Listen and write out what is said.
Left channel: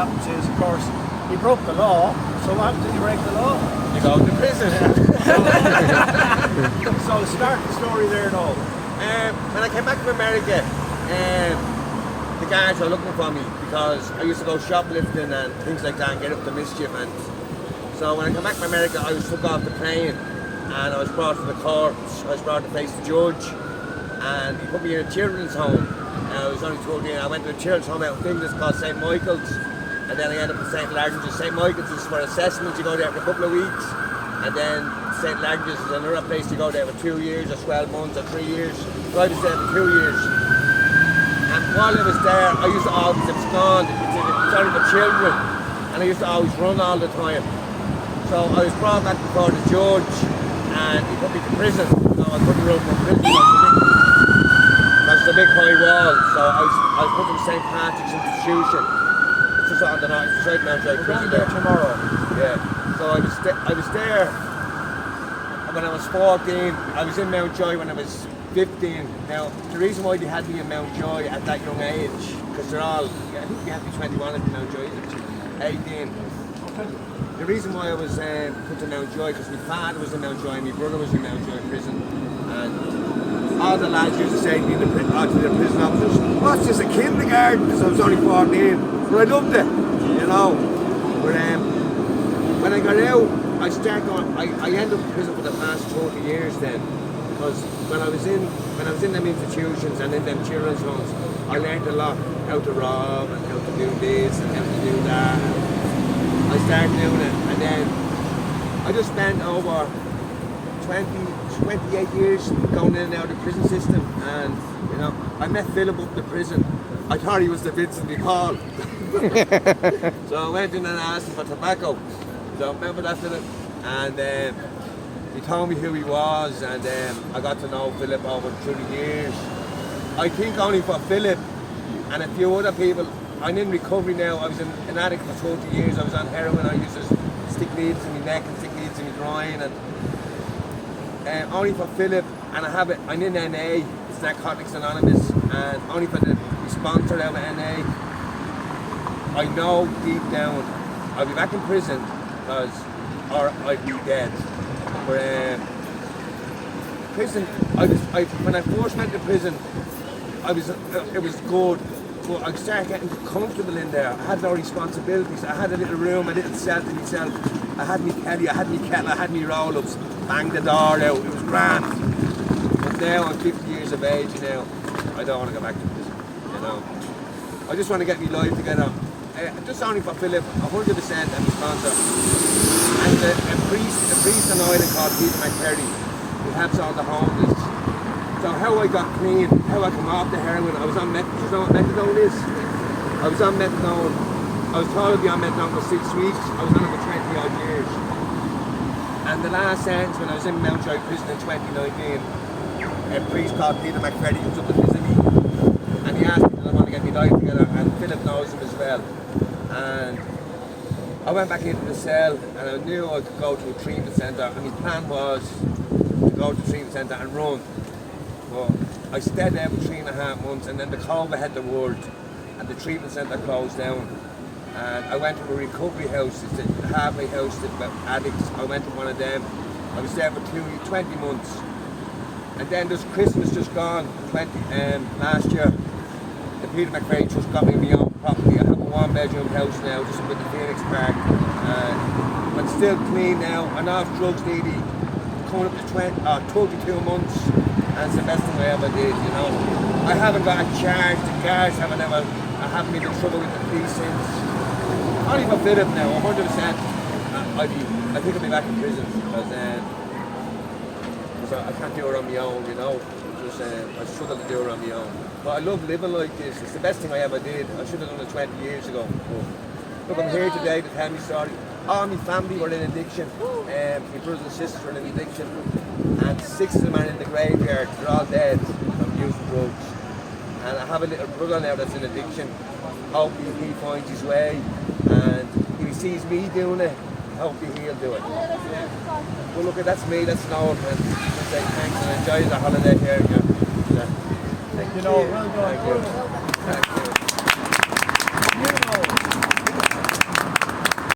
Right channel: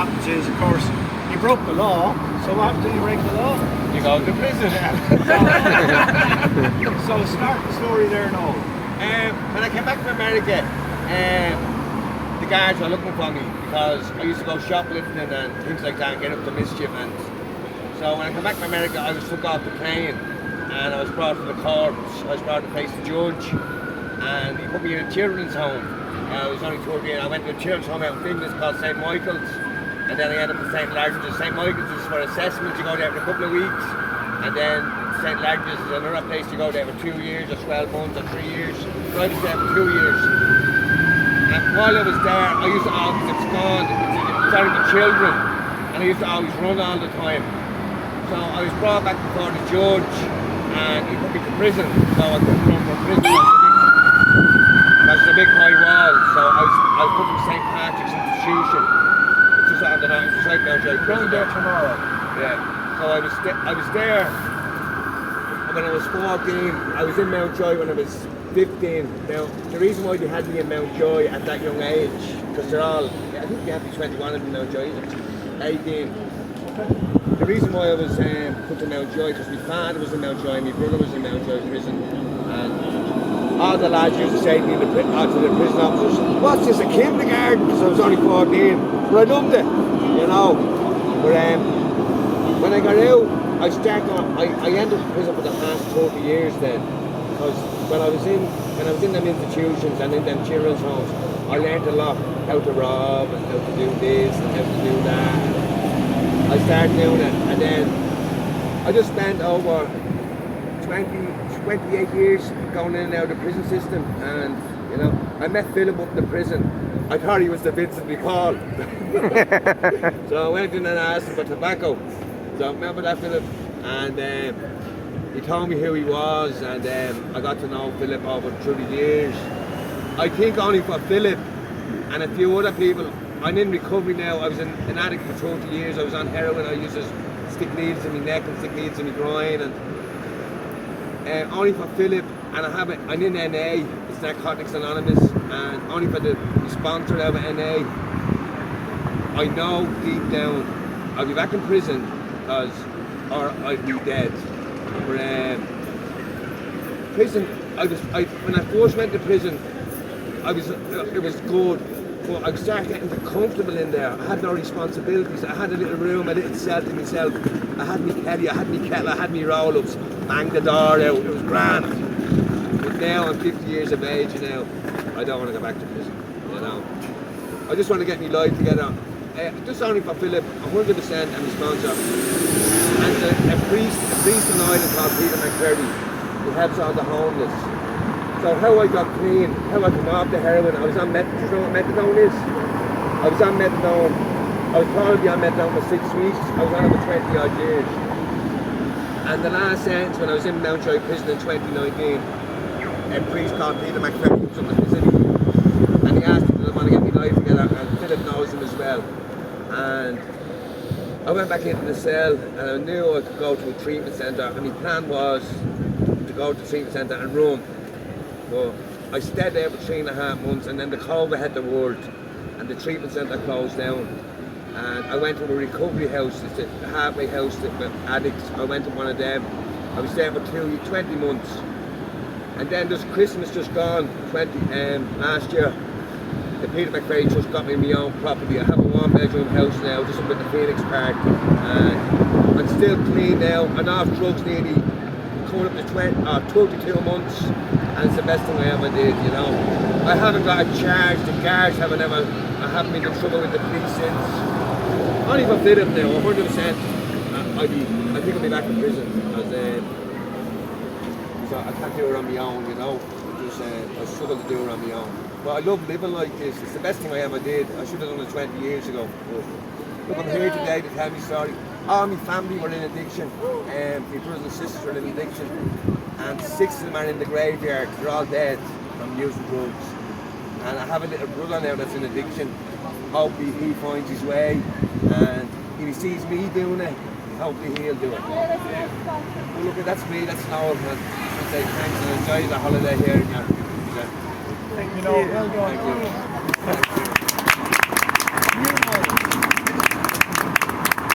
happens is, of course, he broke the law. So what happens if you break the law? You go to prison. So start the story there, Noel. When I came back from America, the guards were looking for me because I used to go shoplifting and things like that and get up to mischief. And so when I came back from America, I was took off the plane and I was brought to the court. I was brought to face the judge and he put me in a children's home. I was only 12 years. I went to a children's home out in Finglas called St. Michael's, and then I ended up at St. Largin's. St. Michael's is for assessment. You go there for a couple of weeks, and then St. Largin's is another place you go there for 2 years or 12 months or 3 years. So I was there for 2 years. And while I was there, I used to always abscond. It's only for children, and I used to always run all the time. So I was brought back before the judge, and he put me to prison. So I couldn't run from prison. That's a big high wall. So I was put in St. Patrick's institution. It's just on the night. It's right now, prison there tomorrow. Yeah. So I was there. And when I was 14, I was in Mountjoy when I was 15. Now, the reason why they had me in Mountjoy at that young age, because they're all, I think you have to be 21 in Mountjoy, 18. The reason why I was put to Mountjoy, because my father was in Mountjoy and my brother was in Mountjoy prison. And all the lads used to say to me, to the prison officers, what's this, a kindergarten? Because I was only 14. But I loved it, you know. But when I got out, I ended up in prison for the past 30 years then. Because when I was in them institutions and in them children's homes, I learned a lot, how to rob and how to do this and how to do that. I started doing it, and then I just spent over 28 years going in and out of the prison system, and you know, I met Philip up in the prison. I thought he was the Vincent McCall. So I went in and asked him for tobacco. So I remember that Philip, and he told me who he was, and I got to know Philip over through the years. I think only for Philip and a few other people. I'm in recovery now. I was an addict for 30 years. I was on heroin. I used to stick needles in my neck and stick needles in my groin. And only for Philip, and I'm in NA, it's Narcotics Anonymous, and only for the sponsor out of NA, I know deep down I'll be back in prison, or I'd be dead. But prison, when I first went to prison, it was good. But I started getting comfortable in there. I had no responsibilities. I had a little room, a little cell to myself. I had me caddy, I had me kettle, I had me roll-ups. Bang the door out. It was grand. But now I'm 50 years of age, and now I don't want to go back to prison. You know, I just want to get my life together. Just only for Philip, 100% and the sponsor. And a priest in Ireland called Peter McCurdy, who helps all the homeless. So how I got clean, how I come off the heroin, I was on methadone. You know what methadone is? I was on methadone. I was told to be on methadone for 6 weeks. I was on it for 20 odd years. And the last sentence when I was in Mountjoy prison in 2019, a priest called Peter McCurdy was in the city, and he asked me if I want to get my life together, and Philip knows him as well. And I went back into the cell, and I knew I could go to a treatment centre, and my plan was to go to the treatment centre and run. Well, I stayed there for 3.5 months, and then the COVID hit the world, and the treatment centre closed down. And I went to a recovery house, it's a halfway house with addicts. I went to one of them. I was there for 20 months. And then this Christmas just gone, last year, the Peter McCurdy just got me my own property. I have a 1-bedroom house now, just up at the Phoenix Park. And I'm still clean now. I'm off drugs nearly coming up to 32 months. And it's the best thing I ever did, you know. I haven't got a charge, the guards I haven't been in trouble with the police since. Only for Philip now, 100%. I think I'll be back in prison, because I can't do it on my own, you know. I struggle to do it on my own. But I love living like this. It's the best thing I ever did. I should have done it 20 years ago. But look, I'm here today to tell me story. All my family were in addiction. My brothers and sisters were in addiction. And 6 of them are in the graveyard. They're all dead from using drugs. And I have a little brother now that's in addiction. Hopefully he finds his way, and if he sees me doing it, hopefully he'll do it. Well, look, that's me, that's Noel. Thanks, and enjoy the holiday here. Yeah. Thank you, Noel. Well done. Thank you.